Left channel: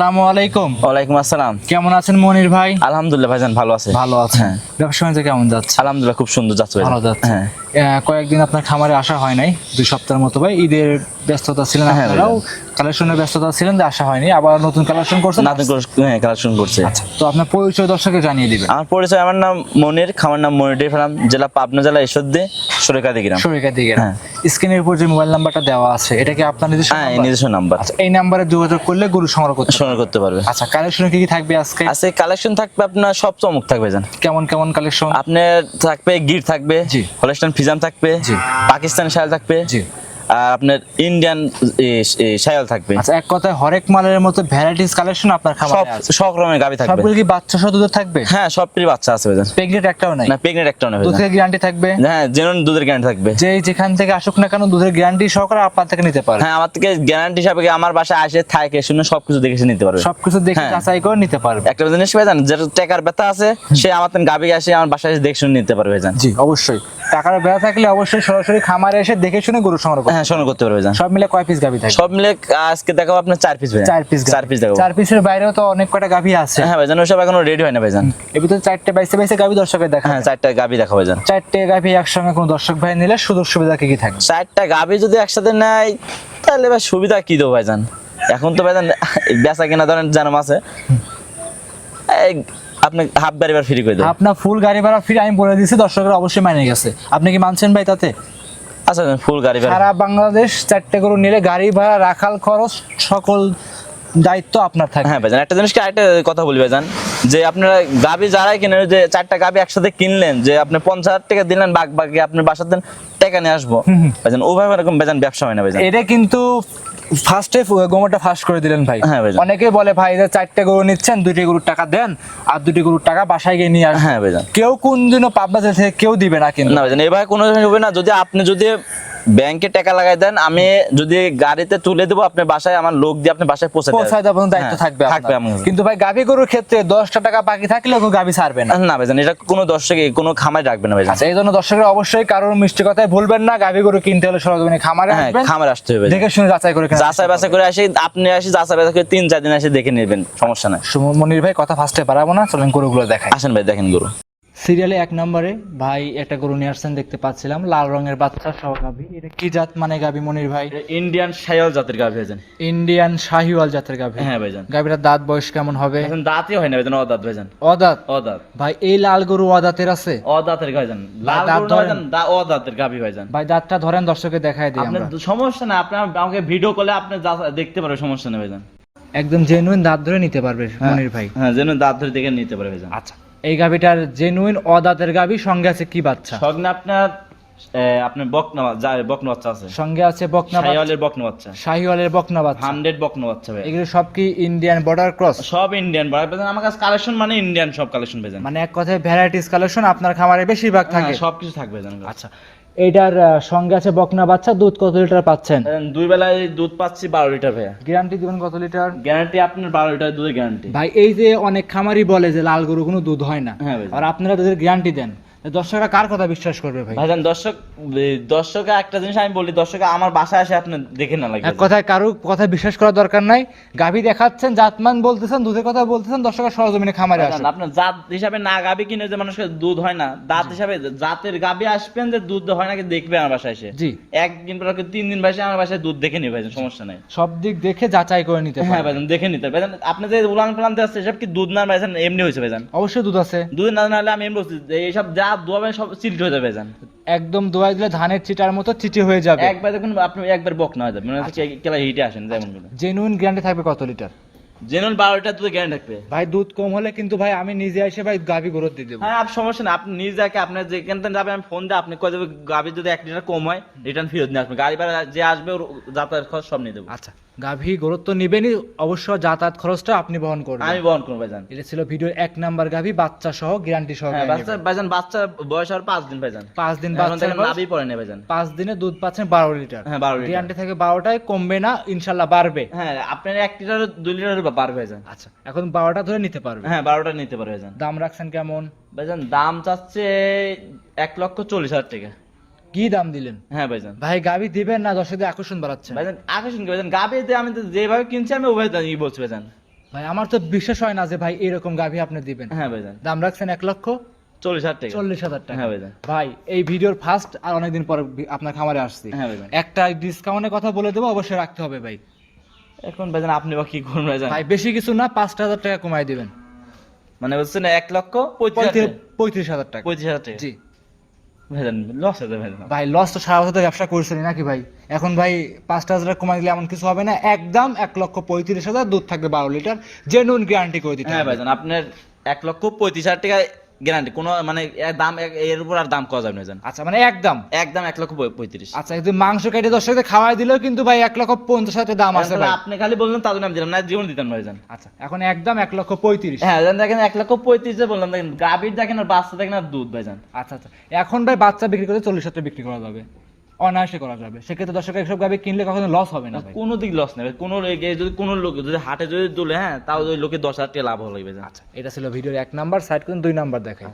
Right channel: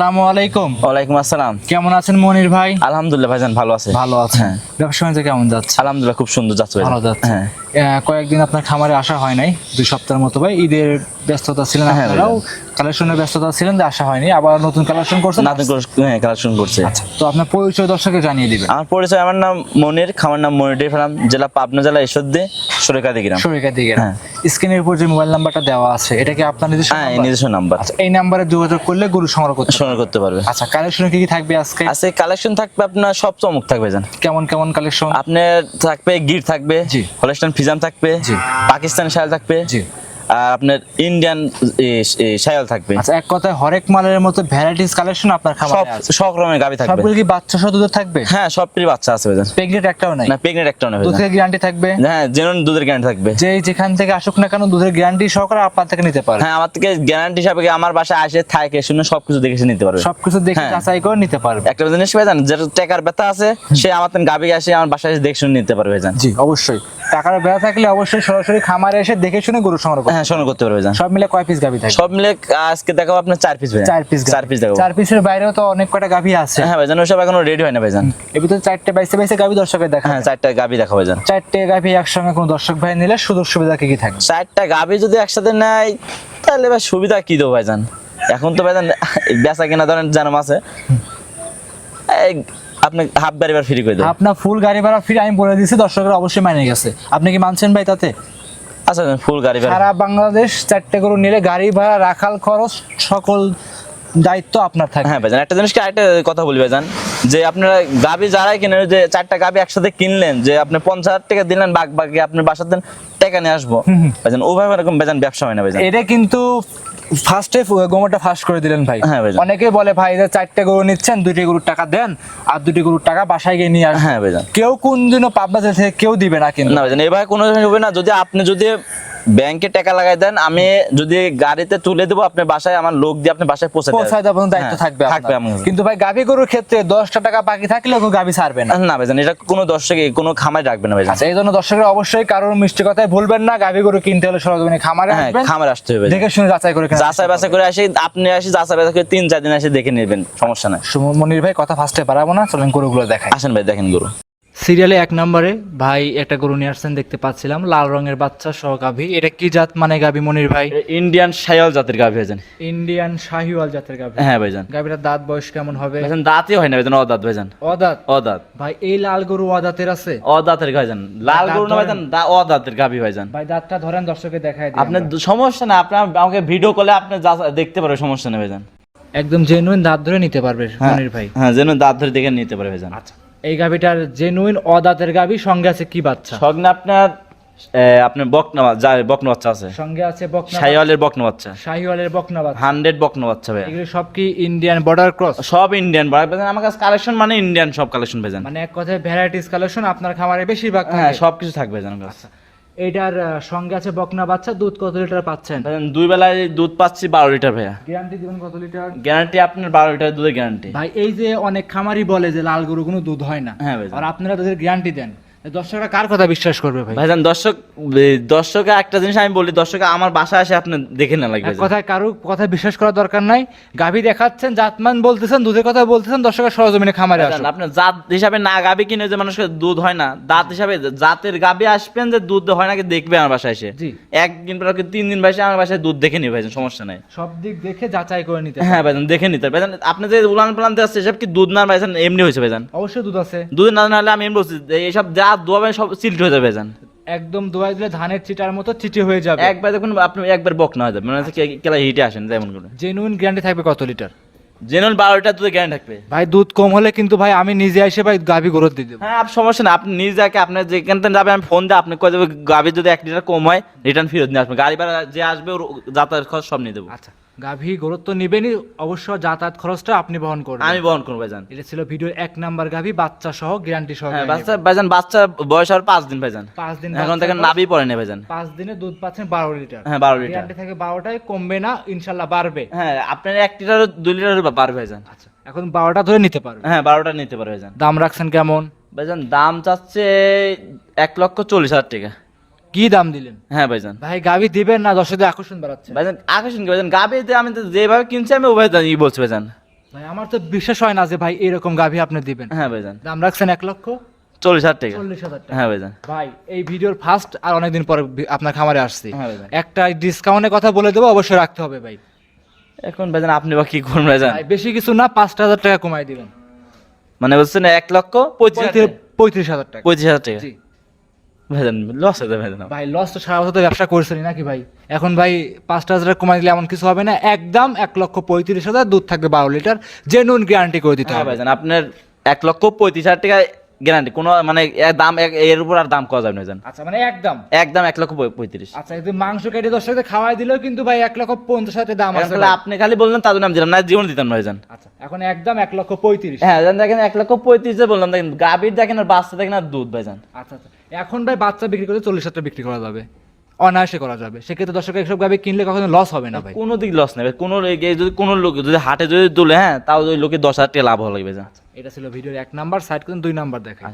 আসসালামু আলাইকুম। ওয়ালাইকুম আসসালাম। কেমন আছেন মনির ভাই? আলহামদুলিল্লাহ ভাইজান ভালো আছে। ভালো আছে হ্যাঁ। ব্যবসা কেমন যাচ্ছে? আলহামদুলিল্লাহ খুব সুন্দর যাচ্ছে ভালো যাচ্ছে। হ্যাঁ। কয়েকদিন আপনার খামারে আসা হয় নাই দুই সপ্তাহের মতো। ভাই ঈদের ব্যস্ততা ছিলেন হ্যাঁ, আপনারাও কালেকশনের ব্যস্ততা ছিলেন যে আসা হয়নি আবার নতুন কালেকশন করছেন? নাতন হ্যাঁ কালেকশন করছে। আচ্ছা তো আপনার পরিচয় দর্শকে জানিয়ে দিবেন। আমার পরিচয় আমার নাম মনির খামার নাম মনির ফার্ম জেলা পাবনা জেলা ঈশ্বরদী সরেকাদি গ্রাম দিকে হ্যাঁ। স্ক্রিনের উপর যে মোবাইল নাম্বারটা দেওয়া আছে এটা কি আপনার নিজস্ব হ্যাঁ? নিজস্ব নাম্বার আচ্ছা এই নাম্বারে যোগাযোগ করলে গরু সংগ্রহ করতে সংগ্রহ করতে পারবে। আচ্ছা কালেকশনে কি কি থাকবে আজকে? আজকে কালেকশন থাকবে আপনার সব চমক থাকবে জান কেমন কেমন কালেকশন আপনার থাকবে গির থাকবে জি। হলস্টাইন ফিজাম থাকবে পাকিস্তান শাল থাকবে আর আপনার ইন্ডিয়ান শায়াল থাকবে। আচ্ছা এক কথায় হরেক মালের মতো ভ্যারাইটিস কালেকশন আপনার খামারে আছে? সব রকমের গাবি থাকবে। সবগুলো কি বাচ্চা সহ থাকবে? হ্যাঁ সবটির বাচ্চা আছে ভাইজান। প্রেগনেন্ট একটাও নাই? না প্রেগনেন্ট একটা নেবে দুধের গ্যারান্টি থাকবে? হ্যাঁ জেনুইন দুধের গ্যারান্টি থাকবে। যে যেখান থেকে আসুক না কেন দুধের গ্যারান্টি সহকারে আপনার থেকে নিতে পারে হ্যাঁ আমার থেকে গ্যারান্টি হিসাবে কি আমার বাসায় আসে থাকে শুনে সবকিছু দেখে নিতে পারবে। সবকিছু দেখে হ্যাঁ। যাচাই করে নিতে পারবে। একটা জিনিস ভাই জান যেটা টাকার ব্যথা আছে সে আমার গাবি আসে আমার বাসায় এসে দেখে শুনে নিতে পারবে জি অবশ্যই। টাকার বেড়া থাকলে অবশ্যই সরাসরি খামারে এসে দেখে শুনে গরু সংগ্রহ করবে হ্যাঁ সংগ্রহ করতে পারবে জান। সব মিলে কয় পিস গাভি থাকে? সব মিলে আজকে দেখাবো আপনার চার পিস ভাই চার পিস চার পিস দেখাবো। চার পিসের বাইরেও তো অনেক কটা গাভি আছে। হ্যাঁ ভাইজান ওসব এখনও রেডি হয় না ভাইজান। এর ভিতরে চারটে বাইশে বাইশে গাভি দর্শকের দেখা। হ্যাঁ চারটা গাবি দেখা ভাইজান। চারটে গাভি একসঙ্গে কোনো দর্শক ভাই নিলে সুযোগ সুবিধা কি কি থাকবে চারটা গাবি যদি একসাথে নেয় তাহলে ভাই সুবিধা কি দেবো ভাইজান? এখন তো ভাইজান বেচা কেনা ধরেন জানাম আছে। আপনি হাফ গাড়ি বার ফ্রি করে দেবো আপনার ফুল গাড়ি ভাড়া ফ্রি আমি বলে দিচ্ছি দর্শকরা অবশ্যই মানে গেছে। আপনি কি মানছেন ভাই তাতে? আচ্ছা ফুল গাড়ি ভাড়া। সারা বাংলাদেশ চারটে গরু নিলে গাড়ি ভাড়া রাখাল খরচ সকল দায়িত্ব আপনার থাকে। হ্যাঁ ভাইজান একটা জিনিস কি আরেকটা কথা বলি ভাইজান যে আপনারা গাবি যারাই কিনেন যে চারটা গাবি একসাথে কিনলেন যে আপনি পঞ্চাশ হাজার টাকা দিলেন বাঘ বাকি আপনি দেন টাকা নিয়ে আসব। ভাইজান ওভাবে এরকম ভাইজান ব্যবসা হয় না ভাইজান। এটা কিন্তু ফার্স্টে গোমরটা ফার্স্ট করে দিলেন ভাই। হ্যাঁ। অনেকে বলে ভাই যে চারটে গরু নিচ্ছেন দুটি গরুর টাকা দেন আর দুটি গরুর টাকা বাসায় গিয়ে নিয়ে আসেন। হ্যাঁ ভাইজান। কেউ কোন দিনও পাবনা থেকে কেউ দিবে না কিন্তু। না এভাবে কোনো হবে না। যদি আপনি যদি ব্যাংকে টাকা লাগাই দেন আমি যদি গাড়িতে তুলে দেবো আপনি বাসায় আমার লোক দিয়ে আপনি বাসায় পৌঁছে পৌঁছায় দেওয়ার দায়িত্ব হ্যাঁ, থাকবে থাকবে কিন্তু ভাই গাভী গরুর ক্ষেত্রে দশটা টাকা বাকি থাকলেও কেউ গাভী ছাড়বে না। না ভাইজান এটা কোনো দর্শকে কোনো খামাই রাখবে না ভাইজান। আচ্ছা এই জন্য দর্শকের অবশ্যই কারোর মিষ্টি কথায় ভুলবেন না গাভী গরু কিনতে হলে সরজমিনে খামারে হ্যাঁ খামার আসতে হবে দেখে শুনে যাচাই করে যাচাই বাছাই করে আসি আপনি আসি যাচাই বাছাই করে তিন চার দিন এসে দেখে নেবেন সমস্যা নাই। মনির ভাই কথা ফার্স্টে পারাবো না চলেন গরুগুলো দেখাই। আসেন ভাই দেখেন গরু। সিরিয়ালে এক নম্বরে ভাই একটা গরু নিয়ে আসছেন দেখতে পাচ্ছিলাম। লাল রঙের বাচ্চা সহ গাভী। এটা কি জাত মানে গাভী মনির ভাই? ইন্ডিয়ান সাইয়াল জাতের গাভি ভাইজান। ইন্ডিয়ান শাহিওয়াল জাতের গাভী। হ্যাঁ ভাইজান। গাভীটার দাঁত বয়স কেমন হবে? দাঁতই হয় না ভাইজান অদাঁত ভাইজান। অদাঁত? অদাঁত। ভাই এই লাল গরু অদাঁতের আছে? অদাঁতের ভাইজান। লাল গরু। ভাইজান অদাঁতের গাভি ভাইজান। ভাই দাঁতটা ধরেন দর্শকে দেখায় দিই আপনার সমস্যা না আপনার আমাকে ভিডিও কলে আপনি দেখতে পারবেন সমস্যা নেই ভাইজান। একদম জেনুইন দাঁত ধরে নিতে পারবে মনির ভাই। হ্যাঁ যেন দাঁত ধরে দেখে নিতে পারে ভাইজান। আচ্ছা। এই গাভীটার জেনুইন অদাতের গাভী সঙ্গে আছে কি বাচ্চা? সঙ্গে আপনার আপনার বকনা যা বকনা বাচ্চা আছে। সঙ্গে আছে বকনা শাহিওয়ালের বকনা বাচ্চা শাহিওয়ালের বকনা বাচ্চা হান্ড্রেড বকনা বাচ্চা ভাই এগুলো সব কি ইন্ডিয়ান বর্ডার ক্রস সব ইন্ডিয়ান বর্ডার আমার কাছে কালেকশন মানে ইন্ডিয়ান সব কালেকশন ভাইজান মানে এক কথায় ভ্যারাইটিস কালেকশন আপনার খামারে বেশিরভাগ হ্যাঁ থাকে। সব কিছু থাকবে জানেন আচ্ছা। এটার সঙ্গে আছে বকনা বাচ্চা দুধ কত লিটার পাচ্ছেন? দুই বেলায় দুধ পাচ্ছি বারো লিটার ভাইয়া। গ্যারান্টি দিবেন কত লিটার? গ্যারান্টি আপনার বারো লিটার দুধের গ্যারান্টি ভাই এই যে অনেক খামারই বলে যে লাল গরু কোনো দুধ হয় না। হ্যাঁ। আর আপনারা তাদের গ্যারান্টি দেন। দর্শকরা কার কথা বিশ্বাস করবে ভাই? ভাইজান দর্শক দর্শকে একটা জিনিস আমি বলি দর্শক আমার বাসায় আসে আপনি দেখে না এক কথায় কারও কথা বিশ্বাস করার দরকার নাই। গাভী দেখাচ্ছেন জাতমান বলতেছেন দুধের কথা বলতেছেন দর্শকের সরজমিনে খামারে আসুন আপনার জাত হিসাবে না গাবি কিনে যে মানুষকে দুধ হয় না দাঁত হিসাবে জাতের গাবি আসবেন যে দুধ হয় নাকি দেখবে আমার বাসায় এসে। জি। একদিন পর কি তিন দিন বাসে আমার বাসায় দুধ দেখে নিবে ভাইজান সমস্যা নাই। সব দিক দেখে যাচাই করে নিতে হ্যাঁ। ভাইজান দেখে নিতে। ভাইজান আপনি যে উলান পালান দিয়ে আসছে এসব কি দুধ না ভাইজান এমনি হয়েছে ভাইজান? অবশ্যই দুধ আছে। দুধ না হলে আমি এমনি বলছি এইসব যা দোয়াবে সব হয়ে যাবে ভাইজান একদম দোয়াই দিলে ধানের চিটার মতো চিটি হয়ে যাবে। একবার দেখুন আপনি একবার বক না হয়ে যাবে মানে কেলা হিটে আসেন যেমন জেনুইন গ্যারান্টি থাকবে কত লিটার? জেনুইন বারোটা দুধ গ্যারান্টি থাকবে। ভাই দুধ কম হলে কিন্তু ভাই আমি নিজে এসে ভাই গাভী গরুর দিয়ে দেবো। হ্যাঁ সমস্যা না আপনি নিজ যাকে আপনি যেখান থেকে যাবে আমি ফোন দিয়ে আপনি কয়ে দেবো গাভি যদি এক লিটার কম হয় রিটার্ন ফেরত নিয়ে আসবে গাড়ি ভাড়া যে আসবে ওর যাতায়াত খরচ সব নিয়ে দেবো। আচ্ছা। গাভী গরুর তো নিবেনই অবশ্য যাতায়াত খরচটা আপনি বহন করবেন। আমি বহন করব ভাইজান। এটা ছিল ভিডিওর এক নাম্বার গাভী বাচ্চা সহ গ্যারান্টি সহ বাচ্চা ভাইজান বাচ্চা বয়স আর পাঁচ দিন ভাইজান। পাঁচ দিন এখন থেকে নাভি পড়ে নেই ভাইজান। পাঁচ দিনে দুধ পাচ্ছেন বারো লিটার। হ্যাঁ বারো লিটার। গ্যারান্টি থাকে বারোটায় কমবে না ইনশাল্লাহ বাড়বে। হ্যাঁ আপনার এক লিটার দুই লিটার পারবে ভাইজান। আচ্ছা এখন বারোটা ধরে নিতে পারবে। হ্যাঁ বারোটা নিতে পারবে ভাইজান। দাম রাখছেন কেমন? ভাইজান দাম চাচ্ছে এক লক্ষ চল্লিশ হাজার টাকা। কি দাম দিলেন? হ্ঁ ভাইজান। ভাই গাভী দিবেন না দর্শকদের আকর্ষণ বাড়াচ্ছে। ভাইজান আকর্ষণ কি ভাইজান? গাবিতে আমি তো যেভাবে কিনছি আমি ওভাবে ই বলছি ভাইজান। ভাই আমার তো বিশ্বাস হয় না যে ভাই এরকম গাভী আপনি দিবেন। হ্যাঁ ভাইজান। দাম রাখছেন এক লক্ষ চল্লিশ হাজার টাকা। চল্লিশ হাজার টাকা। হ্যাঁ ভাইজান। ভাই এই ভিডিওর ফার্স্ট আর অনেকদিন পরে আপনার খামারে আসছি। হ্যাঁ ভাইজান। একটা ডিসকাউন্টের কথা বলে দেবো অবশ্যই রাখতে হবে ভাই। এখন ভাইজান আপনি বা কি করুন ভাইজান? ভাই বেশি কিছু না পাঁচটা হাজার টাকা কমাই দিবেন। মানে বলছেন এক লক্ষ পঁয়ত্রিশ হাজার টাকা? পঁয়ত্রিশ হাজার টাকা। পঁয়ত্রিশ হাজার টাকা। জি। ভাইজান লস হয়ে যাবে ভাই লস তো সারা বছর তো ব্যবসা করছেনি নাকি ভাই? এখন ভাই পাঁচটা হাজার কমাই দিলে এমন কিছু হবে না? একদম এক লক্ষ পঁয়ত্রিশ হাজার দুধ থাকবে বারো লিটার জেনুইন গ্যারান্টি করে দিতে হ্যাঁ হবে। ভাই আপনার এক লক্ষ পঁয়ত্রিশ হাজার টাকা গ্যারান্টি। কোনো মানে এর দাম এর উপর আর দাম করা যাবে না জান। আচ্ছা মানে একদম একদম এক লক্ষ পঁয়- পঁয়ত্রিশ। আচ্ছা কিন্তু মাংস কেটে দশ টাকা খাওয়াই দিলেও কিন্তু ভাই এক লক্ষ পঞ্চাশ হাজার দাম আছে আপনি খালি বললেন তাদের নাম দিলাম না জীবন দিতাম না জান। আচ্ছা এখন একদম এক লক্ষ পঁয়ত্রিশ। হ্যাঁ দেখেন এক লক্ষ পঁয়ত্রিশে বললাম দেখেন গাভীর দেখেন আর বাচ্চা দেখেন আর দুধ ভাই জান। আচ্ছা আচ্ছা। এখন ভাই বাচ্চা বিক্রি করে চল্লিশ হাজার টাকা বিক্রি করা যাবে। অনায়াসে করা যাবে। সেক্ষেত্রে দর্শক এইসব গাবি কিনলে কখনো লস হবে না ভাই। কোনো দিক লস নেবে কোনো যদি কোনো লোক যদি হাটে যদি তুলে হ্যাঁ তাও ওই লোকে দশ হাজার টাকা লাভ লাগবে এটা ছিল ভিডিওর এক নাম্বার। সাইড করে দুই নাম্বার দেখাই।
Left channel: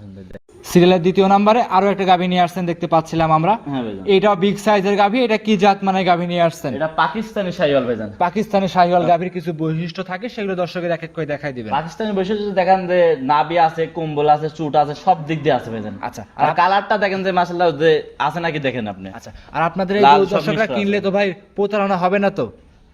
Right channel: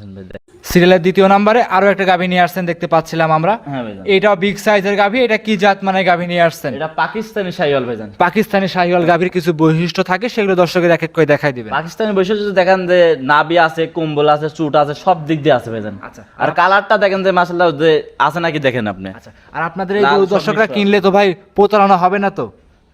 সিরিয়ালের দ্বিতীয় নাম্বারে আরও একটা গাভী নিয়ে আসছেন দেখতে পাচ্ছিলাম আমরা। হ্যাঁ এটাও বিগ সাইজের গাভী এটা কি জাত মানে গাভী নিয়ে আসছেন? এটা পাকিস্তানি শাহিওয়াল ভাইজান পাকিস্তানি শাহিওয়াল গাভীর কিছু বৈশিষ্ট্য থাকে সেগুলো দর্শকের এক এক করে দেখাই দিবেন। পাকিস্তানি বৈশিষ্ট্য যদি দেখেন যে নাবি আছে কম্বল আছে চুট আছে সব দিক দিয়ে আছে ভাইজান আচ্ছা আর কালারটা দেখেন যে মাসাল্লাহ যে আছে নাকি দেখেন আপনি। আচ্ছা আর আপনাদের এই লাল সব দর্শকরা। কিনলে তো ভাই প্রতারণা হবে না তো?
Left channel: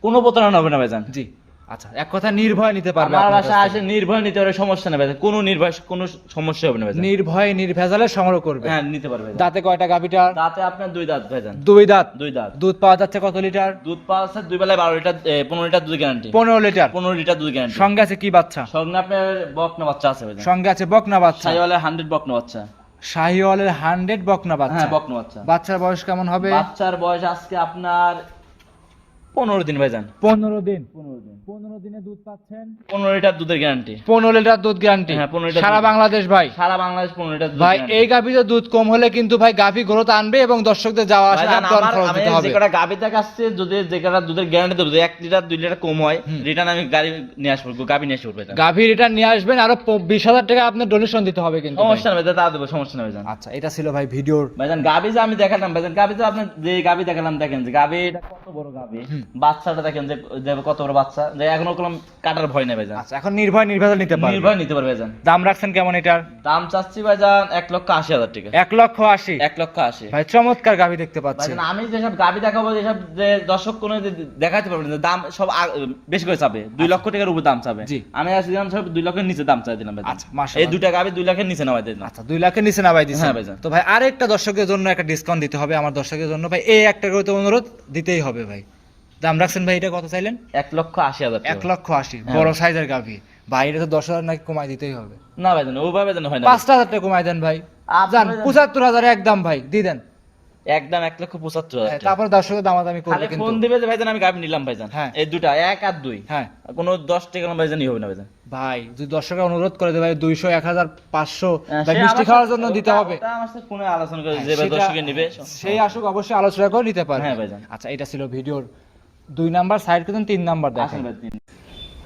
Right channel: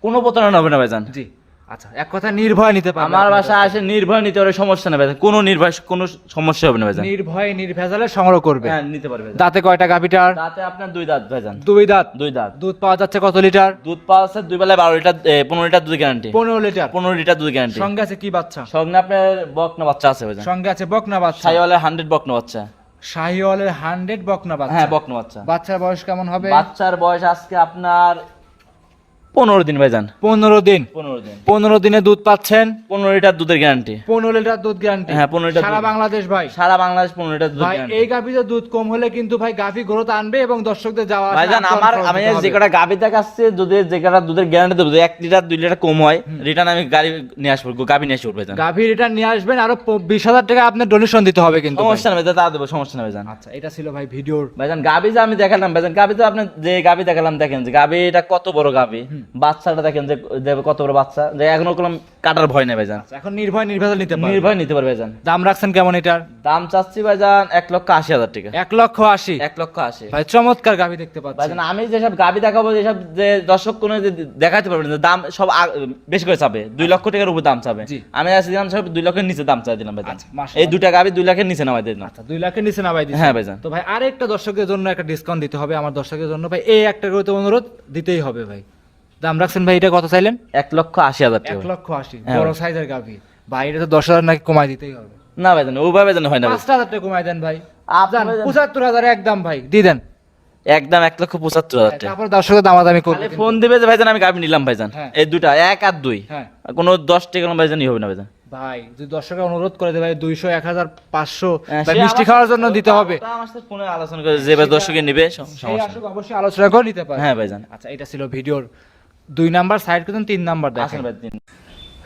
কোনো প্রতারণা হবে না ভাইজান। জি। আচ্ছা এক কথা নির্ভয় নিতে পারবে আমার বাসা আসে নির্ভয় নিতে পারে সমস্যা নেই ভাইজান। কোনো নির্ভয় কোনো সমস্যা হবে না ভাইজান। নির্ভয় নির্ভেজালে সংগ্রহ করবে। হ্যাঁ নিতে পারবে ভাইজান। দাঁতে কয়টা গাভীটার? দাঁতে আপনার দুই দাঁত ভাইজান। দুই দাঁত। দুই দাঁত। দুধ পাওয়া যাচ্ছে কত লিটার? দুধ পাওয়া আছে দুই বেলায় বারো লিটার এ, পনেরো লিটার দুধ গ্যারান্টি পনেরো লিটার। পনেরো লিটার দুধ গ্যারান্টি সঙ্গে আছে কি বাচ্চা? সঙ্গে আপনার বকনা বাচ্চা আছে ভাইজান। সঙ্গে আছে বকনা বাচ্চা। শাহিওয়ালের হান্ড্রেড বকনা বাচ্চা। শাহিওয়ালের হান্ড্রেড বকনা বাচ্চা। হ্যাঁ বকনা বাচ্চা। বাচ্চার বয়স কেমন হবে? বাচ্চার বয়স আজকে আপনার পনেরো দিন ভাইজান। পনেরো দিন। পনেরো দিন। পনেরো দিনে দুধ পাচ্ছেন? পনেরো লিটার দুধের গ্যারান্টি পনেরো লিটার দুধ গ্যারান্টি হ্যাঁ, 15 লিটার সারা বাংলাদেশ ভাই। সারা বাংলাদেশ পনেরো লিটার ভাই। এই গাভীতে দুধ কম হলে কিন্তু ভাই গাভী গ্রোথ আনবে এবং দর্শকদের যাওয়া আসা আমি যে কটা গাভী দেখাচ্ছে যদি যে কটা দুধের গ্যারান্টি দেবো এক লিটার দুই লিটার কম হয় রিটার্ন আমি গাড়ি নিয়ে আসব গাভী নিয়ে আসব ভাইজান। গাভী রিটার্ন নিয়ে আসবেন আরও বিশ হাজার টাকা আপনি ডোনেশন দিতে হবে কিন্তু সমস্যা নেই ভাইজান, তা দেবো সমস্যা নেই ভাইজান। আচ্ছা এটা ছিল ভাই ভিডিওর ভাইজান গাভী যে আমি দেখালাম ভাইজান গাভী তো আপনি যে গাভী দেখালাম দেখেন যে গাভী এটা কত বড় গাভী। বাচ্চাটা দেখেন যে যে কত বড় বাচ্চা। যে এখনও কোনো কাটার ভয় নেই ভাইজান। আচ্ছা এখন নির্ভয় নির্ভেজাল নিতে পারবে। নির্ভয় নিতে পারবে ভাইজান। দাম রাখছেন কেমন এটার? দাম চাচ্ছি ভাইজান এক লক্ষ আশি হাজার টাকা। এক লক্ষ আশি? এক লক্ষ আশি। ভাই চমৎকার গাভী দেখতে পাচ্ছি ভাইজান আমি যেসব গাভী দেখাবো যেসব যে দর্শক কোনো যে দেখাতে পারবে না দাম সব বেশি করে চাবে। দুই লক্ষ টাকার উপর দাম চাবে। জি। আমি আজকে দিলাম সব দুই লক্ষের নিচে দাম চাই দিলাম ভাইজান। আচ্ছা। এই দুইটা গাভী দুই লাখের নিচে নামাই দিলাম আচ্ছা দুই লাখের নিচে নামাই দিচ্ছে হ্যাঁ ভাইজান। তো ভাই আরেকটা দর্শকের জন্য একটা ডিসকাউন্ট দিতে হবে আমার দর্শকের জন্য। ভাই এই একটা করে তো অনুরোধ দিতেই হবে ভাই। দাম রাখছেন ভাই এটা কত চাইলেন? এক লক্ষ আশি হাজার এক লক্ষ আশি হ্যাঁ। বড় সাইজের গাভী। ভাই এটা তো দশ হাজার নাকি কমাই দিতেই হবে। না ভাইজান ওইভাবে যেন হয় না পাঁচটা হাজার টাকা কমাই দেন ভাই। আপনি জান ভাইজান- পঁচাত্তর হাজার একদম ভাই দিয়ে দেন। একদম এক লক্ষ পঁচাত্তর হাজার টাকা। দর্শকের দামাদামি করবে খালি ফোন দিবে যে ভাইজান আমি গাভী নিলাম ভাইজান হ্যাঁ। এই দুটা এক আর দুই। হ্যাঁ। কোনো দশ টাকা কোনো ভাইজানই হবে না ভাইজান ভাই যদি দর্শকরা অনুরোধ করে দেয় ভাই দুইশো এক হাজার পাঁচশো হ্যাঁ, মিষ্টি খাওয়ার জন্য দিতে হবে। ফোনে আলোচনা করে যে ভাই দর্শকে নিবে সেই আসুক অবশ্যই আলোচনা করে নিতে পারে। হ্যাঁ ভাইজান আচ্ছা এটা ছিল ভিডিওর দুই নাম্বার সাইড করতেন তিন নাম্বার দেখেন। ভাই।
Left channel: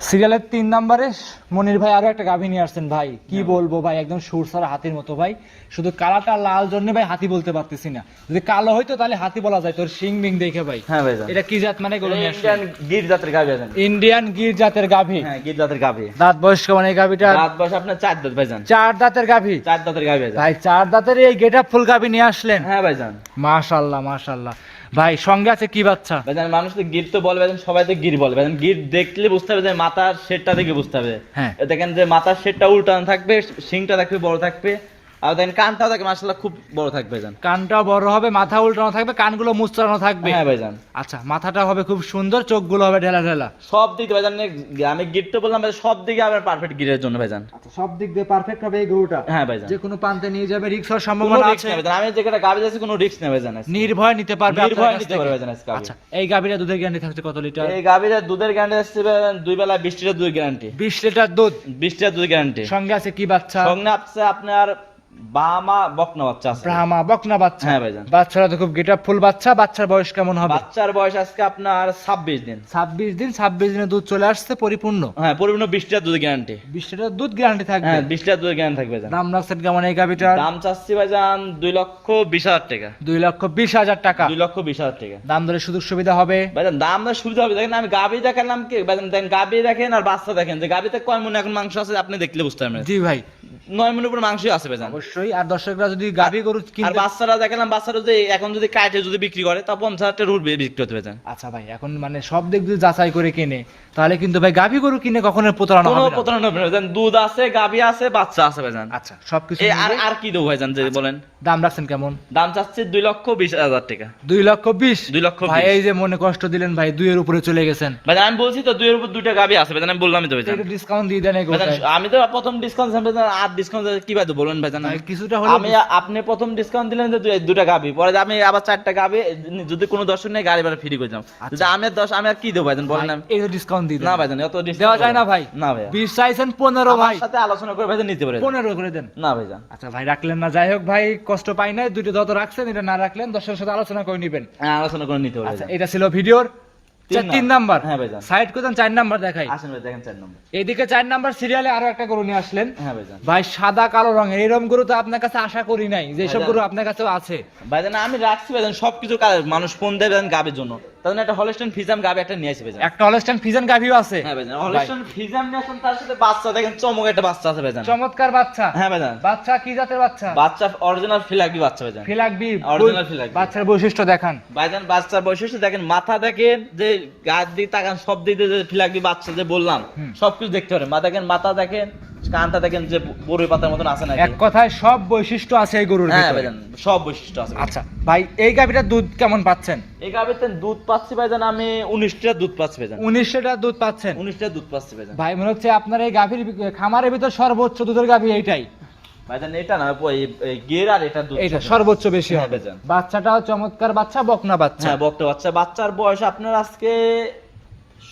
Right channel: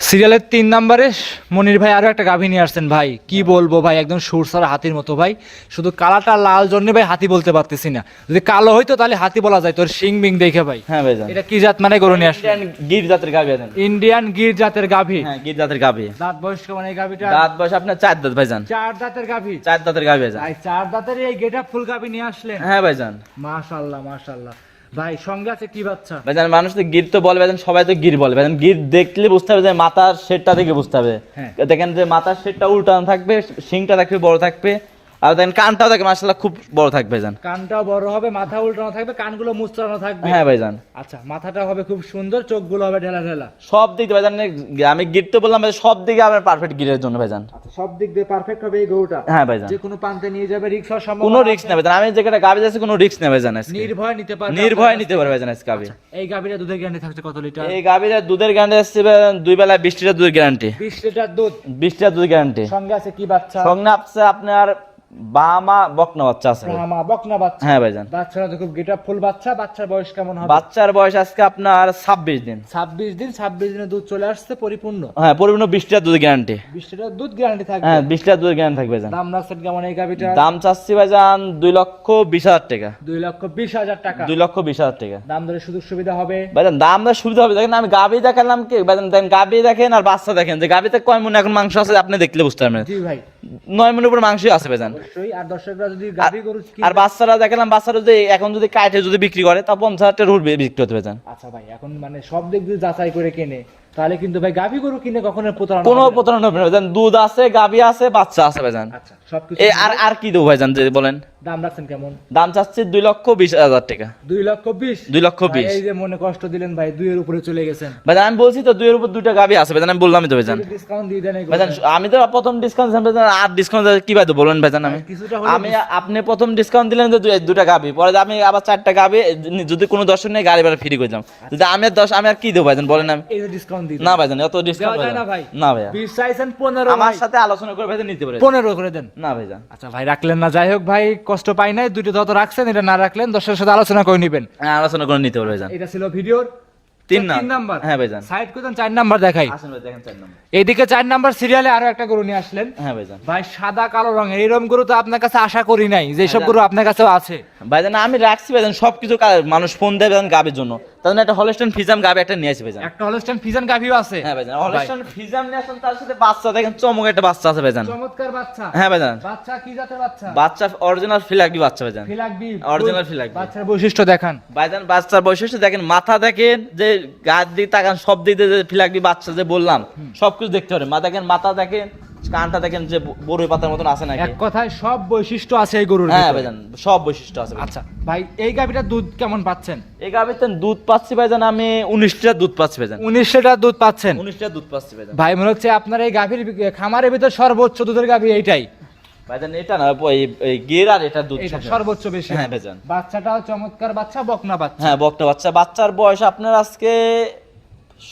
সিরিয়ালের তিন নাম্বারে মনির ভাই আরও একটা গাভী নিয়ে আসছেন ভাই। কি বলব ভাই একদম সুরসার হাতির মতো ভাই। শুধু কালাটা লাল জন্য ভাই হাতি বলতে পারতেছি না। যদি কালো হইতো তাহলে হাতি বলা যায় তোর শিং বিং দেখে ভাই। হ্যাঁ ভাইজান এটা কি জাত মানে গরু নিয়ে আসছেন? গির জাতের গাভী আছেন ইন্ডিয়ান গির জাতের গাভী। হ্যাঁ গির জাতের গাভী। দাঁত বয়স মানে এই গাভীটা রাত বয়স আপনার চার দাঁত ভাইজান চার দাঁতের গাভী। চার দাঁতের গাভী ভাই চার দাঁতের এই গেট ফুল গাভী নিয়ে আসলেন। হ্যাঁ ভাইজান মাশাল্লাহ মাশাল্লাহ। ভাই সঙ্গে আছে কি বাচ্চা? ভাইজান মানুষ তো গির তো বলে ভাইজান সবাই তো গির বলে। ভাইজান গির দেখলে বুঝতে হবে যে মাথার শেডটা থেকে বুঝতে হবে। হ্যাঁ। দেখেন যে মাথার শেডটা উল্টানো থাকবে শিংটা থাকবে বড় থাকবে। আর দেখেন কানটাও থাকে মাসাল্লাহ খুব বড় থাকবে ভাইজান। কানটাও বড় হবে মাথা উল্টানো থাকবে কানগুলো মুচড়ানো থাকবে। হ্যাঁ ভাইজান। আচ্ছা মাথাটা হবে খুব সুন্দর চোখগুলো হবে ঢেলা ঢেলা। সব দিক দিয়ে ভাইজান আমি গির তো বললাম ভাই, সব দিকে আমার পারফেক্ট গিরের জন্য ভাইজান। সব দিক দিয়ে পারফেক্ট হবে এই গরুটা? হ্যাঁ ভাইজান। যে কোনো প্রান্তে নিয়ে যাবে রিক্স হওয়ার কোনো সম্ভাবনা রিস্ক আছে। নেই ভাইজান আমি যেটা গাভী যাচ্ছি কোনো রিস্ক নেই ভাইজান নির্ভয় নিতে পারবে নির্ভয় নিতে পারবে। ভাইজান আজকে গাভী। আচ্ছা, এই গাভীরা দুধের গ্যারান্টি থাকছে কত লিটার এই গাভীর দুধের গ্যারান্টি আসছে দুই বেলা বিশ লিটার দুধের গ্যারান্টি বিশ লিটার দুধ? বিশ লিটার দুধ গ্যারান্টি সঙ্গে আছে কি বাচ্চা? সঙ্গে আসছে আপনার বামা বকনা বাচ্চা আছে। ব্রাহ্মা বকনা বাচ্চা। হ্যাঁ ভাইজান। বাচ্চারা তো খুব ফুল বাচ্চা বাচ্চার বয়স কেমন হবে? বাচ্চার বয়স আজকে আপনার ছাব্বিশ দিন। ছাব্বিশ দিন ছাব্বিশ দিনে দুধ চলে আসছে পরিপূর্ণ। হ্যাঁ পরিপূর্ণ বিশ লিটার দুধ গ্যারান্টি বিশ লিটার দুধ গ্যারান্টি থাকবে। হ্যাঁ বিশ লিটার দুধ গ্যারান্টি থাকবে ভাইজান। দাম রাখছেন কেমন এই গাভিটা দাম চাচ্ছি ভাইজান দুই লক্ষ বিশ হাজার টাকা। দুই লক্ষ বিশ হাজার টাকা। দুই লক্ষ বিশ হাজার টাকা। দাম ধরে সুযোগ সুবিধা হবে? ভাইজান দাম দর সুবিধা হবে। দেখেন আমি গাবি দেখালাম কি? ভাইজান দেখেন গাবি দেখেন আর বাচ্চা দেখেন। যে গাবিতে কয় মনে এখন মাংস আছে আপনি দেখলে বুঝতে পারবেন। জি ভাই। নয় মনের উপর মাংসই আছে ভাইজান। অবশ্যই। আর দর্শকরা যদি গাভী গরু আর বাচ্চারা দেখলাম বাচ্চারা যদি এখন যদি কাটে যদি বিক্রি করে তা পঞ্চাশ হাজার টাকা রুট বিক্রি হতে পারে। আচ্ছা ভাই এখন মানে সব দিক দিয়ে যাচাই করে কিনে। তাহলে কিন্তু ভাই গাভি গরু কিনে কখনো প্রতারণা কোনো প্রতারণা হবে না ভাইজান দুধ আছে গাবি আছে বাচ্চা আছে ভাইজান আচ্ছা সবকিছু আর আর কি দেবো ভাইজান যদি বলেন? দাম রাখছেন কেমন? দাম চাচ্ছি দুই লক্ষ বিশ হাজার টাকা। দুই লক্ষ বিশ? দুই লক্ষ ভাই বিশ। এই যে মনে কষ্ট দিলেন ভাই দুইয়ের উপরে চলে গেছেন। ভাইজান আমি বলছি তো দুইয়ের উপর দুইটা গাবি আছে ভাইজান আমি বললামই তো ভাইজান ডিসকাউন্ট দিয়ে দেন ভাইজান আমি তো প্রথম ডিসকাউন্ট আর ডিসকাউন্ট কি ভাই বলবেন ভাইজান আমি কিছুটা হলে আমি আপনি প্রথম ডিসকাউন্ট দিলেন তো দুই- দুটা গাবি পরে আমি আবার চারটা গাবি যদি কোনো দর্শক নেই গাড়ি ভাড়া ফ্রি করে দিলাম। যদি আমি আর দশ আমি আর কি দেবো ভাইজান বলেন আমি। এই যে ডিসকাউন্ট দিয়ে না দেন। ভাইজান অত দেওয়া যায় না ভাই। না ভাইয়া। বিশ চাইছেন পনেরো আমার সাথে আলোচনা করে ভাইজান নিতে পারে পনেরো করে দেন। না ভাইজান। আচ্ছা ভাই রাখলেন না। যাই হোক ভাই কষ্ট পাই নাই। দুইটা যত রাখছেন এটা না রাখলেন। দর্শকের সাথে আলোচনা করে নিবেন। হ্যাঁ, আলোচনা করে নিতে পারে ভাইজান। এটা ছিল ভিডিওর তিন তিন নাম্বার। হ্যাঁ ভাইজান। সাইড করতেন চার নাম্বার দেখাই। আসুন ভাই দেখেন চার নম্বর। এইদিকে চার নাম্বার সিরিয়ালে আরও একটা গরু নিয়ে আসলেন। হ্যাঁ ভাইজান। ভাই সাদা কালো রঙ এইরকম গরু তো আপনার কাছে আশা করি নাই। যে সব গরু আপনার কাছেও আছে। ভাইজান আমি রাখছি ভাইজান সবকিছু মানুষ ফোন দেবেন গাবির জন্য। জন্য একটা হলস্টেন ফিজাম গাবি একটা নিয়ে আসি ভাইজান। একটা হলস্টাইন ফিজান গাভিও আছে। হ্যাঁ ভাইজান ফিজাম নিয়ে আসলাম তার সাথে বাচ্চা দেখেন চমক একটা বাচ্চা আছে ভাইজান। চমৎকার বাচ্চা। হ্যাঁ ভাইজান। বাচ্চা কি জাতের বাচ্চা? বাচ্চা অরিজিনাল ফিলাগবি বাচ্চা ভাইজান। ফিলাকবি Original ফিলাকবি। বাচ্চার বৈশিষ্ট্য দেখান। ভাইজান বাচ্চার বৈশিষ্ট্য দেখেন মাথা দেখেন যে গাছ দিয়ে তাকান সব দিক দিয়ে যে ফিলাগবি বাচ্চা যে বললাম সবকিছু দেখতে পারেন। মা দেখেন মাথা দেখেন কানটা দেখেন যে বড়ই পাতার মতন আছে নাকি? এক কথায় সব বৈশিষ্ট্য আছে এই গরুর হ্যাঁ ভিতরে। ভাইজান সব বৈশিষ্ট্য আছে আচ্ছা ভাই এই গাভিটার দুধ কেমন পাচ্ছেন? এই গাবিতে দুধ পাচ্ছি ভাইজান আমি উনিশ লিটার দুধ পাচ্ছি ভাইজান। উনিশ লিটার দুধ পাচ্ছেন? উনিশ লিটার দুধ পাচ্ছি ভাইজান। ভাই মনে হচ্ছে আপনার এই গাভীর খামারের ভিতর সর্বোচ্চ দুধের গাভী এইটাই। ভাইজান এটা না এই- গের আর এটা দুধ এইটা সর্বোচ্চ বেশি হ্যাঁ। বেজান। বাচ্চাটাও চমৎকার বাচ্চা বকনা বাচ্চা। হ্যাঁ বকটা বাচ্চা। বাচ্চার বয়স আপনার আজকে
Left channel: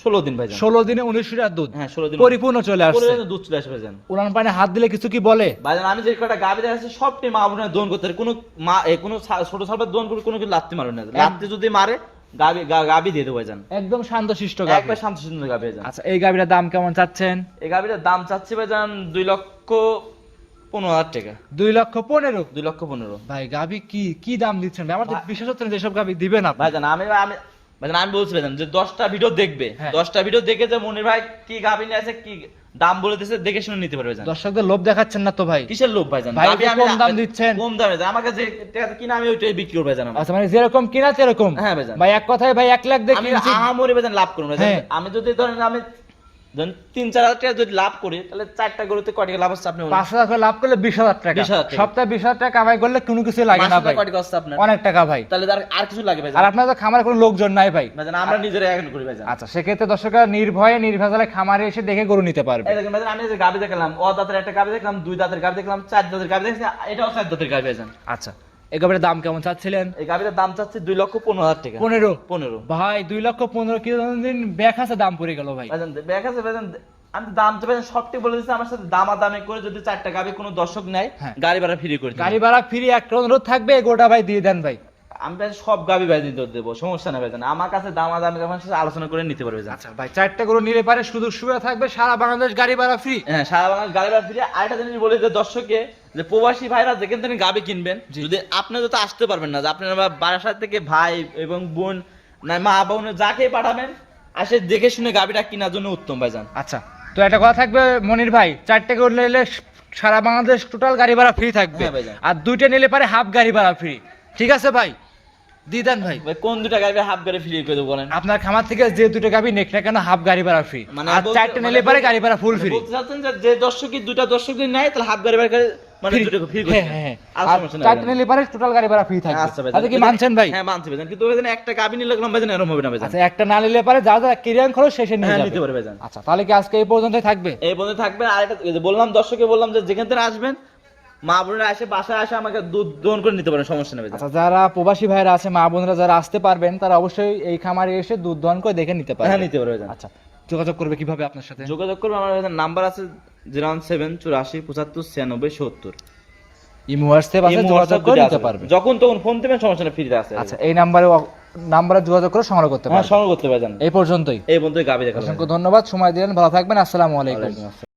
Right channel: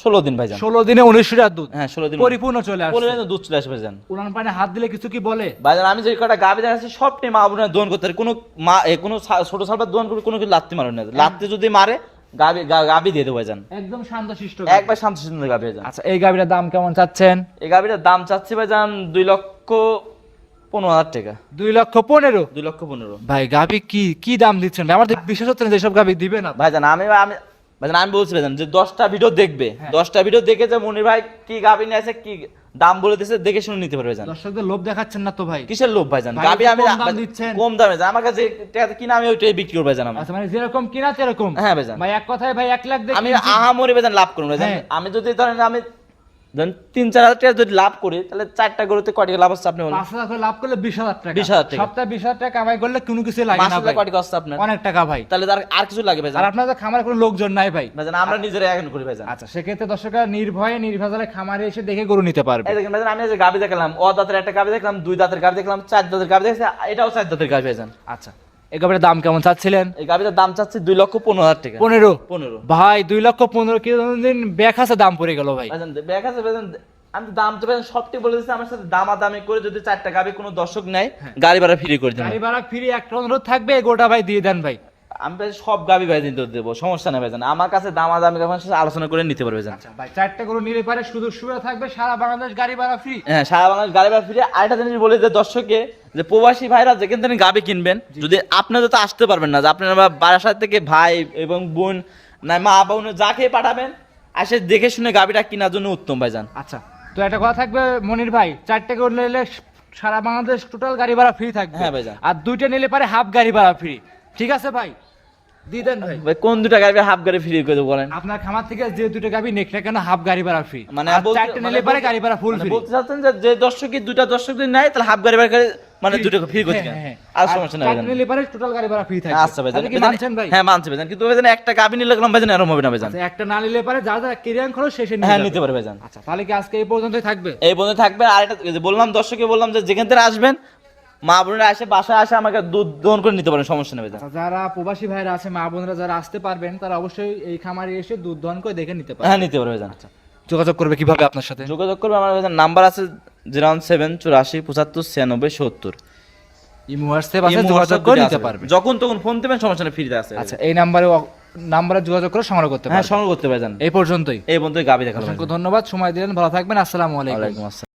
ষোলো দিন ভাইজান। ষোলো দিনে উনিশ লিটার দুধ। হ্যাঁ ষোলো দিন। পরিপূর্ণ চলে আসছে। দুধ চলে আসবে ভাইজান। উড়ান পানি হাত দিলে কিছু কি বলে? ভাইজান আমি যে কটা গাবি দেখাচ্ছি সবটি মা বোনের দোন করতে কোনো মা কোনো ছোট সালবার দোন করে কোনো কিছু লাত্তি না। লাত্তি যদি মারে গাবি গাবি দিয়ে দেবো ভাইজান। একদম শান্ত শিষ্ট একবার গাবি ভাইজান। আচ্ছা এই গাভীটার দাম কেমন চাচ্ছেন? এই গাবিটার দাম চাচ্ছি ভাইজান দুই লক্ষ পনেরো হাজার টাকা। দুই লক্ষ পনেরো? দুই লক্ষ পনেরো। ভাই গাভী কি কি দাম দিচ্ছেন? ভাই? আমার বিশেষ হচ্ছে না যেসব গাভী দিবে না ভাইজান আমি আমি ভাইজান আমি যে দশটা ভিডিও দেখবে হ্যাঁ। দশটা ভিডিও দেখে যে মনির ভাই কি আছে কি দাম বলে দিছে দেখে শুনে নিতে পারবে ভাইজান দর্শকদের লোভ দেখাচ্ছেন না তো ভাই কিসের লোভ ভাই, একটু আমি কম দাম দিচ্ছেন। কম দামে আমার কাছে টাকা কিনা আমি ওইটাই বিক্রি করব আচ্ছা মানে যেরকম কিনা সেরকম হ্যাঁ ভাইজান ভাই এক কথায় ভাই এক লাখ দিয়ে আমি। ভাই লাভ করব না হ্যাঁ। আমি যদি ধরেন আমি ধরেন তিন চার হাজার টাকা যদি লাভ করি তাহলে চারটা গরুতে কয় টাকা লাভ হচ্ছে আপনি পাঁচ হাজার করে লাভ করলে বিশ হাজার টাকা। 20,000 টাকা। সপ্তাহে বিশ হাজার টাকা কামাই করলে কোনো কিছু লাগে না ভাই। কয় হচ্ছে আপনার? অনেক টাকা ভাই। তাহলে তার আর কিছু লাগে আর ভাইজান আপনাদের খামারে কোনো লোকজন নাই ভাই। আমরা নিজেরা এখন করি ভাইজান। আচ্ছা সেক্ষেত্রে দর্শকরা নির্ভয়ে নির্ভেজালে খামারে এসে দেখে গরু নিতে পারবে। দেখেন আমি যে গাবি দেখলাম ও দাঁতের একটা গাবি দেখলাম দুই দাঁতের গাবি দেখলাম চার দাঁতের গাবি দেখছি এটাও চার দাঁতের গাবি ভাইজান। আচ্ছা। এই গাভীর দাম কেমন চাচ্ছিলেন? এই গাবিটার দাম চাচ্ছি দুই লক্ষ পনেরো হাজার টাকা। পনেরো? পনেরো। ভাই দুই লক্ষ পনেরো কিলো দিন ব্যাগ আছে দাম পড়ে গেল ভাই। ব্যাগ আছে আমি দাম তো সব ঠিক বলে দিচ্ছি আমার সাথে দামাদামি করে যদি চারটা গাড়ি কোনো দর্শক নেয় হ্যাঁ। গাড়ি ভাড়া ফ্রি করে গাড়ি ভাড়া ফ্রি একটা অনুরোধ থাকবে গোটা ভাই দিয়ে দেন ভাই। আমি ভাই সব গাবি ভাই দিতে দেবো সমস্যা নেই ভাইজান। আমার কাছে যখন সাথে আলোচনা করে নিতে পারবে আচ্ছা ভাই চারটা গরু নিলে পারে শুধু সুবিধা থাকবে সারা বাংলাদেশ গাড়ি ভাড়া ফ্রি হ্যাঁ সারা বাংলাদেশ গাড়ি ভাড়া ফ্রি আরেকটা জিনিস বলে যে দর্শককে যে প্রবাসী ভাইরা যেখান থেকে গাবি কিনবেন যদি আপনারা তো আসতে পারবেন না যে আপনারা বারাসাত থেকে ভাই এবং বোন না মা বোন যাকে পাঠাবেন আসে দেখে শুনে গাবিটা কেনার জন্য উত্তম ভাইজান। আচ্ছা তো একটা কথা থাকবে মনির ভাই চারটে গরু নিলে সারা বাংলাদেশ টোটাল গাড়ি ভাড়া ফ্রি থাকবে। হ্যাঁ। আর দুইটা নিলে পারে হাফ গাড়ি ভাড়া ফ্রি ঠিক আছে ভাই? ভাই। ভাই কোন দুটা গাবি হাফ গাড়ি ফ্রি করে দেবো বলেন? আপনার খামার থেকে যে দুটো গাবি নেক না কেন হাফ গাড়ি ভাড়া ফ্রি মানে আর চারটে মানে নিলে পারে গাড়ি ভাড়া ফুল মানে ফ্রি বলতে চাচ্ছেন যে যে দুটা দর্শক যদি নেয় তাহলে হাফ গাড়ি ভাড়া মানে দুটো ফ্রি করে দিন। আর সমস্যা নেই চারটে নিলে পারে টোটাল গাড়ি ভাড়া ফ্রি থাকবে। আচ্ছা তাহলে কি মানছেন ভাই? হ্যাঁ মানছি ভাইজান। কিন্তু ভাইজান একটা গাবি নিলে ভাইজান এরকম হবে না ভাইজান? আচ্ছা একটা না নিলে পারে যা যা কেরিয়ান খরচ শেষে নিয়ে হ্যাঁ নিতে পারবে ভাইজান। আচ্ছা তাহলে কি আজকে এই পর্যন্ত থাকবে? এই বন্ধু থাকবে। আর যে বললাম দর্শককে বললাম যে যেখান থেকে আসবেন মা বোনেরা আসে বাসায় আসে আমাকে দুধ দহন করে নিতে পারেন সমস্যা নেই। আচ্ছা যারা প্রবাসী ভাইরা আছে মা বোনরা যারা আসতে পারবেন তারা অবশ্যই এই খামারে এসে দুধ দহন করে দেখে নিতে হ্যাঁ নিতে পারবে আচ্ছা যোগাযোগ করবে কীভাবে আপনার সাথে? যোগাযোগ করবে আমার নাম্বার আছে জিরো সেভেন চুরাশি পঁচাত্তর ছিয়ানব্বই সত্তর। ইমো হোয়াটসঅ্যাপ আছে যোগাযোগ করে নিতে পারবে। যখন তখন ফোন দেবেন সমস্যা নেই ফ্রিতে আছে আচ্ছা এই নাম্বারে নাম্বারে যোগাযোগ করে সংগ্রহ করতে হ্যাঁ সংগ্রহ করতে পারেন এই পর্যন্তই। এই বন্ধু গাবি দেখা অসংখ্য ধন্যবাদ সময় দিলেন ভালো থাকবেন আসসালামু আলাইকুম।